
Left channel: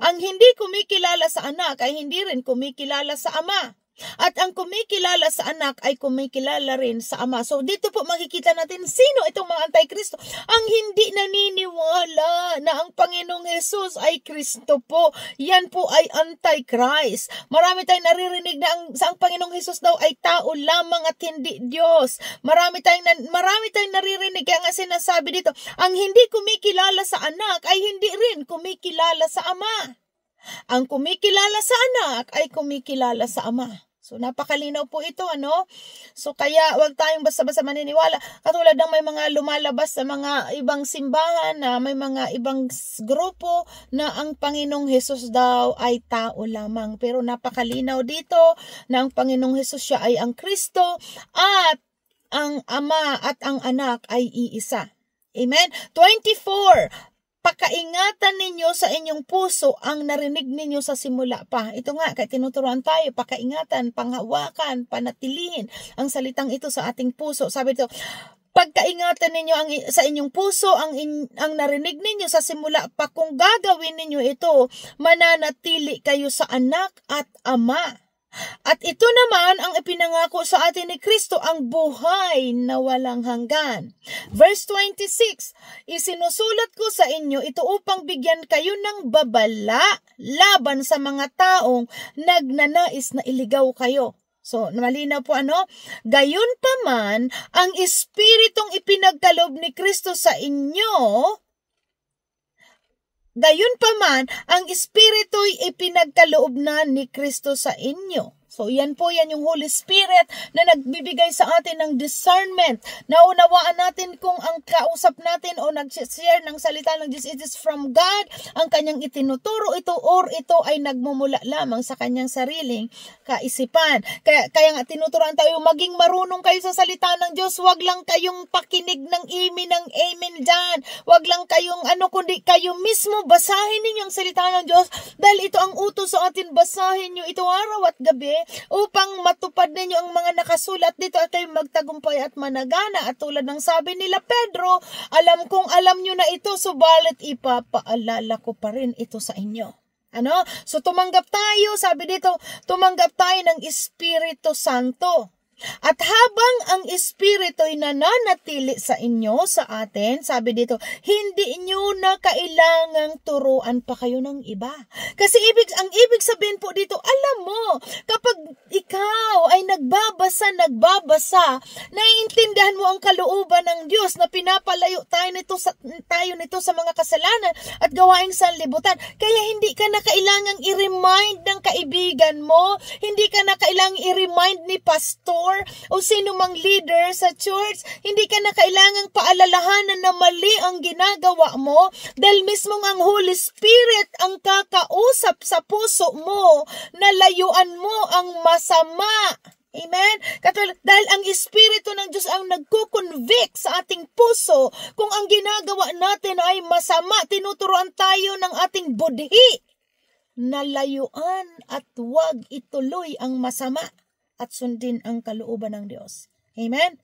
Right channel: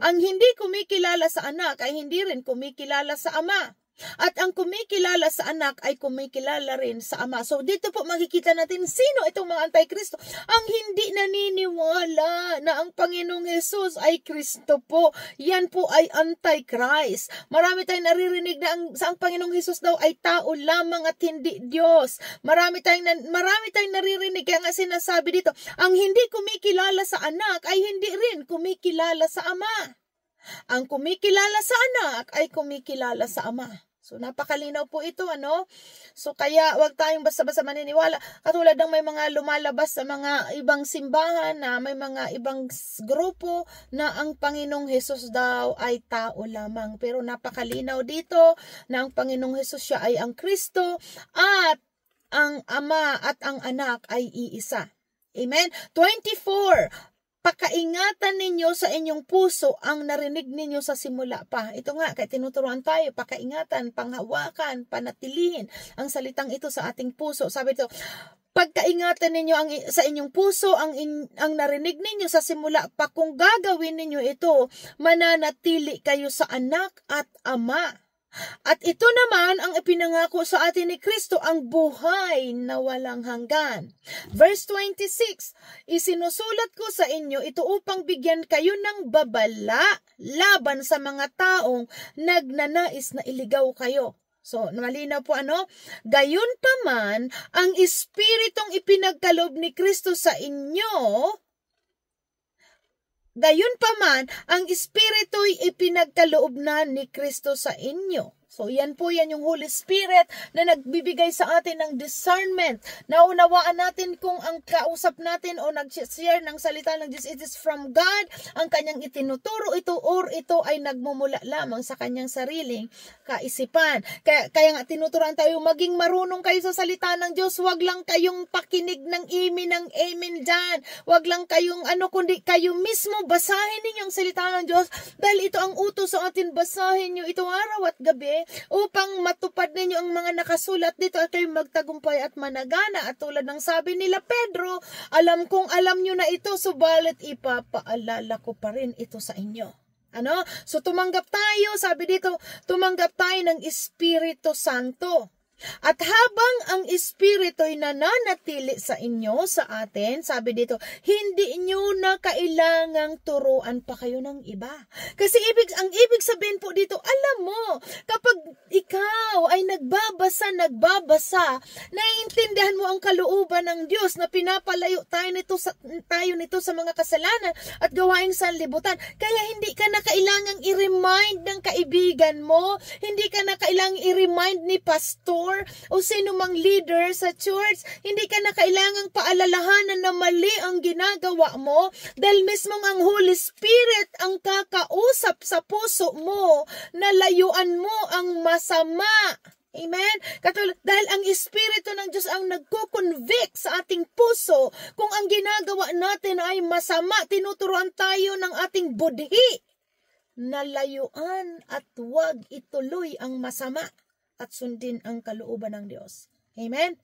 Ang hindi kumikilala sa Anak ay hindi rin kumikilala sa Ama. At ang kumikilala sa Anak ay kumikilala rin sa Ama. So dito po makikita natin sino itong mga anti-Kristo. Ang hindi naniniwala na ang Panginoong Jesus ay Kristo po. Yan po ay anti-Christ. Marami tayong naririnig na ang Panginoong Jesus daw ay tao lamang at hindi Diyos. Marami tayong naririnig kaya nga sinasabi dito, ang hindi kumikilala sa Anak ay hindi rin kumikilala sa Ama. Ang kumikilala sa Anak ay kumikilala sa Ama. So, napakalinaw po ito, ano? So, kaya wag tayong basta-basta maniniwala. Katulad ng may mga lumalabas sa mga ibang simbahan na may mga ibang grupo na ang Panginoong Hesus daw ay tao lamang. Pero napakalinaw dito na ang Panginoong Hesus siya ay ang Kristo at ang Ama at ang Anak ay iisa. Amen? 24. Pakaingatan ninyo sa inyong puso ang narinig ninyo sa simula pa. Ito nga, kaya tinuturuan tayo, pakaingatan, panghawakan, panatilihin ang salitang ito sa ating puso. Sabi ito, pagkaingatan ninyo sa inyong puso ang narinig ninyo sa simula pa. Kung gagawin ninyo ito, mananatili kayo sa Anak at Ama. At ito naman ang ipinangako sa atin ni Kristo, ang buhay na walang hanggan. Verse 26, isinusulat ko sa inyo ito upang bigyan kayo ng babala laban sa mga taong nagnanais na iligaw kayo. So, malinaw po ano? Gayon pa man, ang Espiritong ipinagkaloob ni Kristo sa inyo, gayon pa man, ang Espiritu'y ipinagkaloob na ni Kristo sa inyo. So, yan yung Holy Spirit na nagbibigay sa atin ng discernment. Naunawaan natin kung ang kausap natin o nag-share ng salita ng Diyos, it is from God, ang kanyang itinuturo ito or ito ay nagmumula lamang sa kanyang sariling kaisipan. Kaya nga tinuturuan tayo, maging marunong kayo sa salita ng Diyos. Huwag lang kayong pakinig ng amen dyan. Huwag lang kayong kundi kayo mismo basahin ninyo ang salita ng Diyos dahil ito ang utos sa atin, basahin nyo ito araw at gabi upang matupad ninyo ang mga nakasulat dito at kayo magtagumpay at managana. At tulad ng sabi nila Pedro, alam kong alam nyo na ito, subalit ipapaalala ko pa rin ito sa inyo. Ano? So tumanggap tayo, sabi dito, tumanggap tayo ng Espiritu Santo. At habang ang Espiritu'y nananatili sa inyo, sa atin, sabi dito, hindi nyo na kailangang turuan pa kayo ng iba. Kasi ang ibig sabihin po dito, alam mo, kapag ikaw ay nagbabasa, naiintindihan mo ang kalooban ng Diyos na pinapalayo tayo nito sa mga kasalanan at gawaing sanlibutan. Kaya hindi ka na kailangang i-remind ng kaibigan mo, hindi ka na kailangang i-remind ni pastor o sino mang leader sa church, hindi ka na kailangang paalalahanan na mali ang ginagawa mo dahil mismo ang Holy Spirit ang kakausap sa puso mo na layuan mo ang masama. Amen? Dahil ang Espiritu ng Diyos ang nagko-convict sa ating puso kung ang ginagawa natin ay masama, tinuturuan tayo ng ating budhi na layuan at huwag ituloy ang masama at sundin ang kalooban ng Diyos. Amen?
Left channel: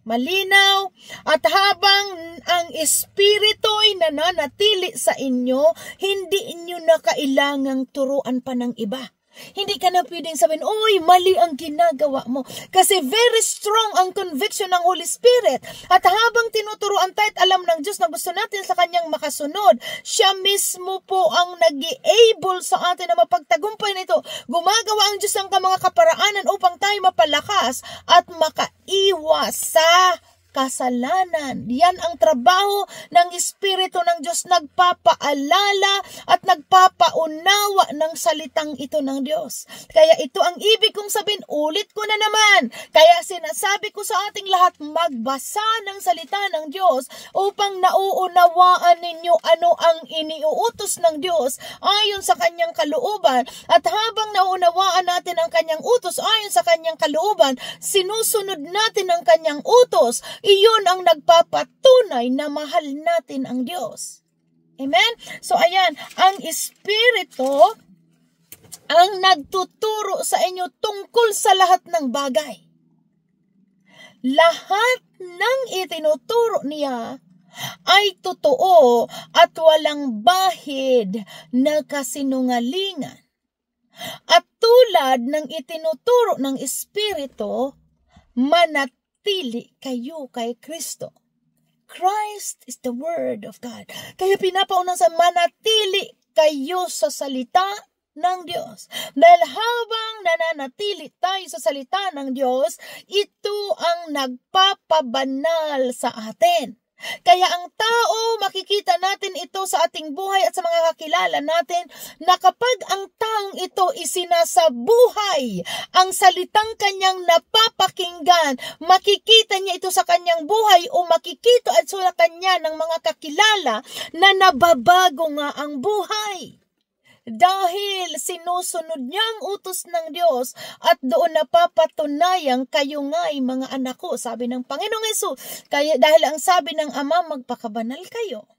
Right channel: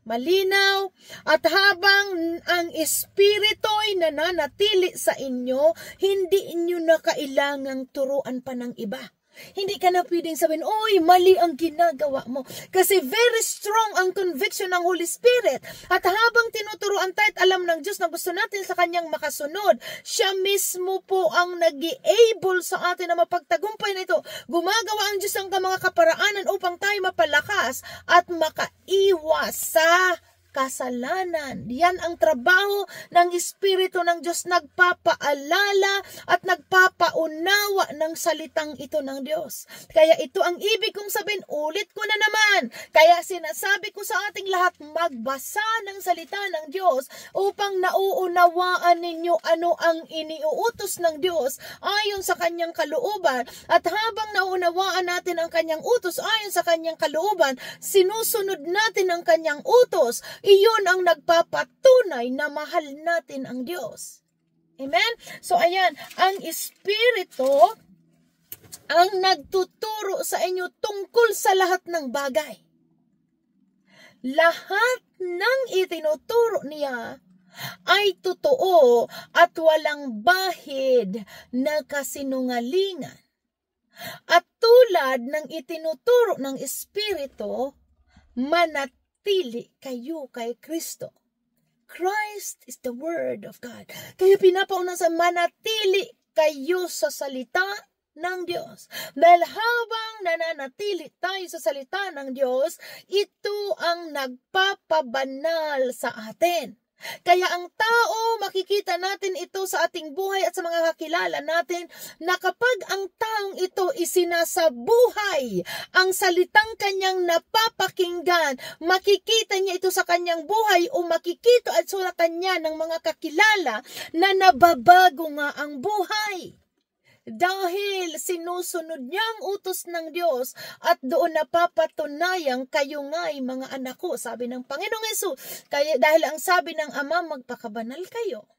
Malinaw, at habang ang Espiritu ay nananatili sa inyo, hindi inyo na kailangang turuan pa ng iba. Hindi ka na pwedeng sabihin, oy, mali ang ginagawa mo. Kasi very strong ang conviction ng Holy Spirit. At habang tinuturuan tayo at alam ng Diyos na gusto natin sa Kanyang makasunod, siya mismo po ang nag-i-able sa atin na mapagtagumpay nito. Gumagawa ang Diyos ng mga kaparaanan upang tayo mapalakas at makaiwas sa kasalanan. Yan ang trabaho ng Espiritu ng Diyos, nagpapaalala at nagpapaunawa ng salitang ito ng Diyos. Kaya ito ang ibig kong sabihin, ulit ko na naman. Kaya sinasabi ko sa ating lahat, magbasa ng salita ng Diyos upang nauunawaan ninyo ano ang iniuutos ng Diyos ayon sa Kanyang kalooban. At habang nauunawaan natin ang Kanyang utos ayon sa Kanyang kalooban, sinusunod natin ang Kanyang utos. Iyon ang nagpapatunay na mahal natin ang Diyos. Amen? So ayan, ang Espiritu ang nagtuturo sa inyo tungkol sa lahat ng bagay. Lahat ng itinuturo niya ay totoo at walang bahid na kasinungalingan. At tulad ng itinuturo ng Espiritu, manatili kayo kay Kristo. Christ is the Word of God. Kaya pinapauna sa manatili kayo sa salita ng Diyos. Dahil habang nananatili tayo sa salita ng Diyos, ito ang nagpapabanal sa atin. Kaya ang tao, makikita natin ito sa ating buhay at sa mga kakilala natin na kapag ang taong ito isinasabuhay ang salitang kanyang napapakinggan, makikita niya ito sa kanyang buhay o makikita at sa kanya ng mga kakilala na nababago nga ang buhay. Dahil sinusunod niya ang utos ng Diyos at doon napapatunayang kayo nga'y mga anak ko, sabi ng Panginoong Hesus. Kaya dahil ang sabi ng Ama, magpakabanal kayo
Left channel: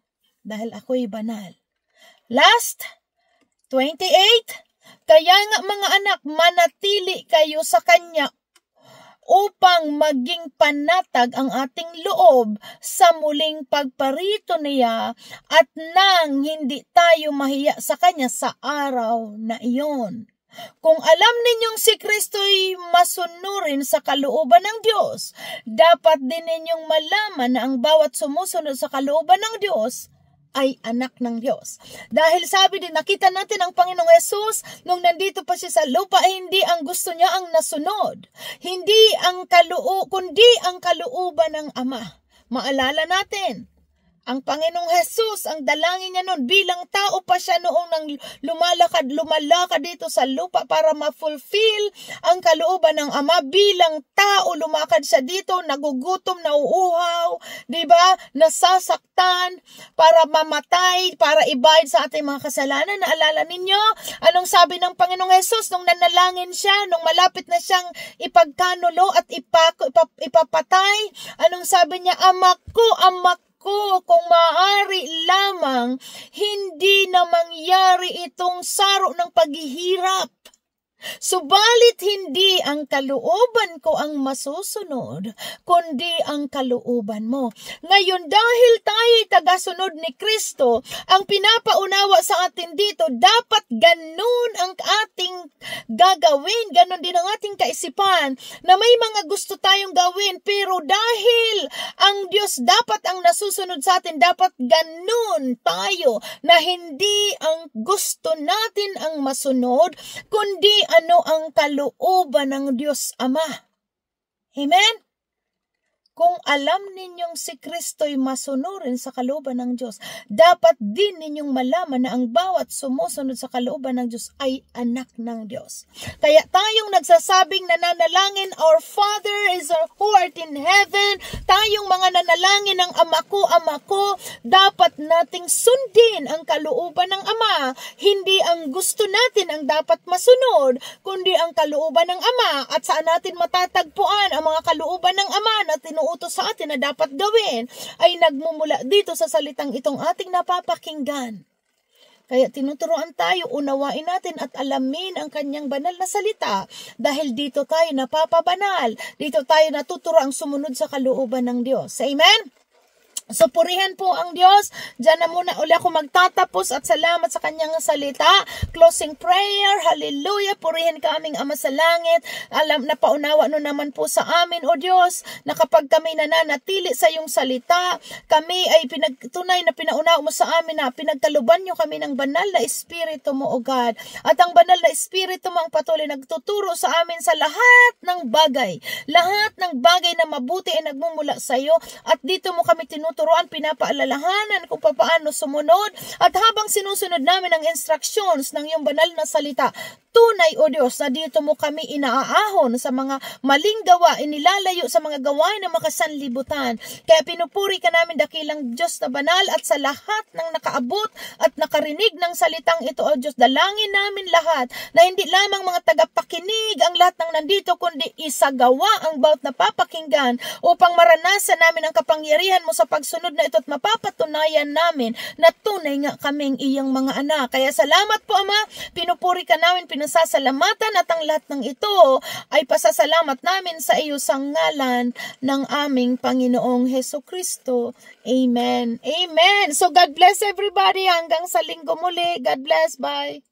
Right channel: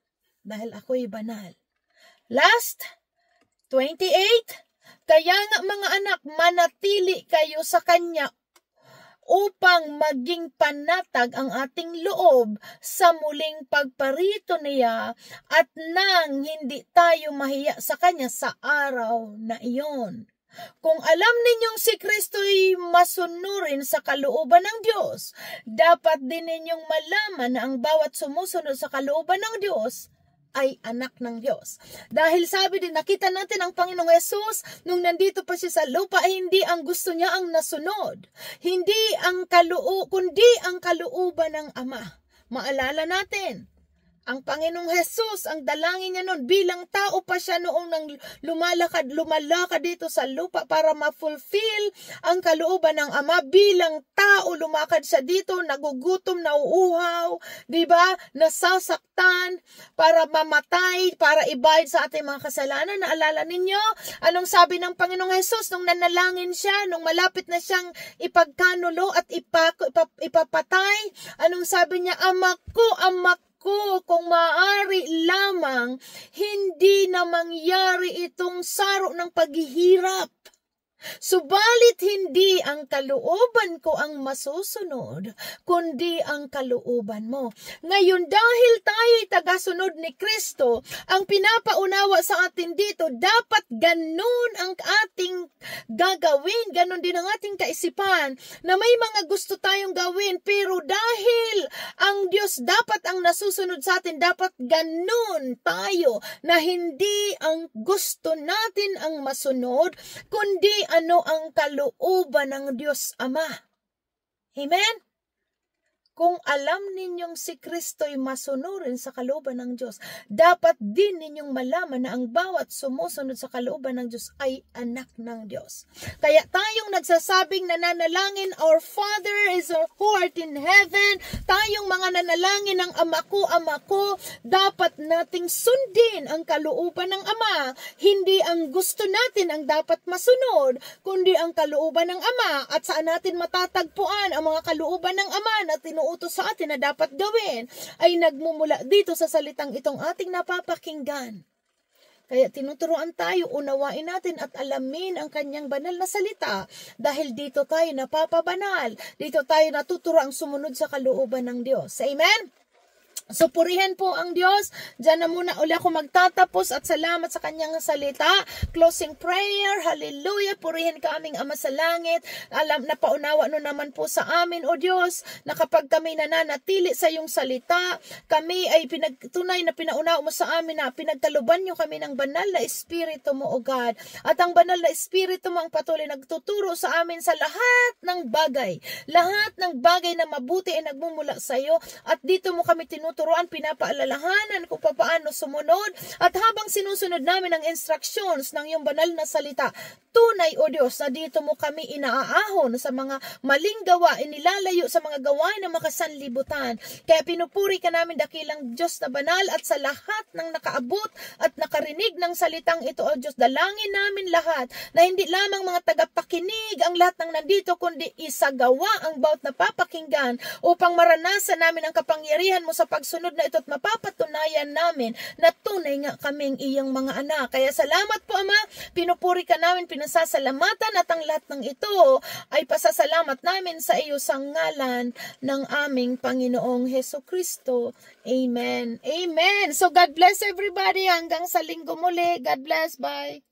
dahil ako'y banal. Last 28, kaya nga mga anak, manatili kayo sa Kanya upang maging panatag ang ating loob sa muling pagparito niya at nang hindi tayo mahiya sa Kanya sa araw na iyon. Kung alam ninyong si Kristo'y masunurin sa kalooban ng Diyos, dapat din ninyong malaman na ang bawat sumusunod sa kalooban ng Diyos ay anak ng Diyos. Dahil sabi din, nakita natin ang Panginoong Hesus nung nandito pa siya sa lupa, hindi ang gusto niya ang nasunod. Hindi ang kundi ang kalooban ng Ama. Maalala natin, ang Panginoong Hesus, ang dalangin niya noon, bilang tao pa siya noong nang lumalakad dito sa lupa para ma-fulfill ang kalooban ng Ama. Bilang tao, lumakad siya dito, nagugutom, nauuhaw, diba? Nasasaktan, para mamatay, para ibayad sa ating mga kasalanan. Naalala ninyo? Anong sabi ng Panginoong Hesus nung nanalangin siya, nung malapit na siyang ipagkanulo at ipapatay? Anong sabi niya? Ama ko, kung maaari lamang, hindi na mangyari itong saro ng paghihirap. Subalit hindi ang kalooban ko ang masusunod, kundi ang kalooban mo. Ngayon, dahil tayo'y tagasunod ni Kristo, ang pinapaunawa sa atin dito, dapat ganun ang ating gagawin, ganun din ang ating kaisipan, na may mga gusto tayong gawin, pero dahil ang Diyos dapat ang nasusunod sa atin, dapat ganun tayo, na hindi ang gusto natin ang masunod, kundi ano ang kalooban ng Diyos Ama. Amen? kung alam ninyong si Kristo'y masunurin sa kalooban ng Diyos, dapat din ninyong malaman na ang bawat sumusunod sa kalooban ng Diyos ay anak ng Diyos. Kaya tayong nagsasabing nananalangin, Our Father is who art in heaven, tayong mga nanalangin ng Ama ko, dapat nating sundin ang kalooban ng Ama. Hindi ang gusto natin ang dapat masunod, kundi ang kalooban ng Ama. At saan natin matatagpuan ang mga kalooban ng Ama na tinuutos sa atin na dapat gawin ay nagmumula dito sa salitang itong ating napapakinggan. Kaya tinuturuan tayo, unawain natin at alamin ang kanyang banal na salita dahil dito tayo napapabanal, dito tayo natuturuang sumunod sa kalooban ng Diyos. Amen? So, purihan po ang Diyos. Diyan na muna uli ako magtatapos at salamat sa kanyang salita. Closing prayer. Hallelujah. Purihan ka aming Ama sa langit. Alam na paunawa no naman po sa amin, O Diyos, na kapag kami nananatili sa iyong salita, kami ay tunay na pinaunawa mo sa amin na pinagkaluban niyo kami ng banal na Espiritu mo, O God. At ang banal na Espiritu mo ang patuloy nagtuturo sa amin sa lahat ng bagay. Lahat ng bagay na mabuti ay nagmumula sa iyo. At dito mo kami tinuturuan, pinapaalalahanan kung paano sumunod, at habang sinusunod namin ang instructions ng iyong banal na salita, tunay, O Diyos, na dito mo kami inaahon sa mga maling gawa, inilalayo sa mga gawain ng makasanlibutan. Kaya pinupuri ka namin, dakilang Diyos na banal, at sa lahat ng nakaabot at nakarinig ng salitang ito, O Diyos, dalangin namin lahat na hindi lamang mga tagapakinig ang lahat ng nandito, kundi isagawa ang bawat napapakinggan upang maranasan namin ang kapangyarihan mo sa pagsunod na ito at mapapatunayan namin na tunay nga kaming iyong mga anak. Kaya salamat po, Ama, pinupuri ka namin, pinasasalamatan, at ang lahat ng ito ay pasasalamat namin sa iyo sa ngalan ng aming Panginoong Hesukristo. Amen. Amen. So God bless everybody hanggang sa linggo muli. God bless. Bye.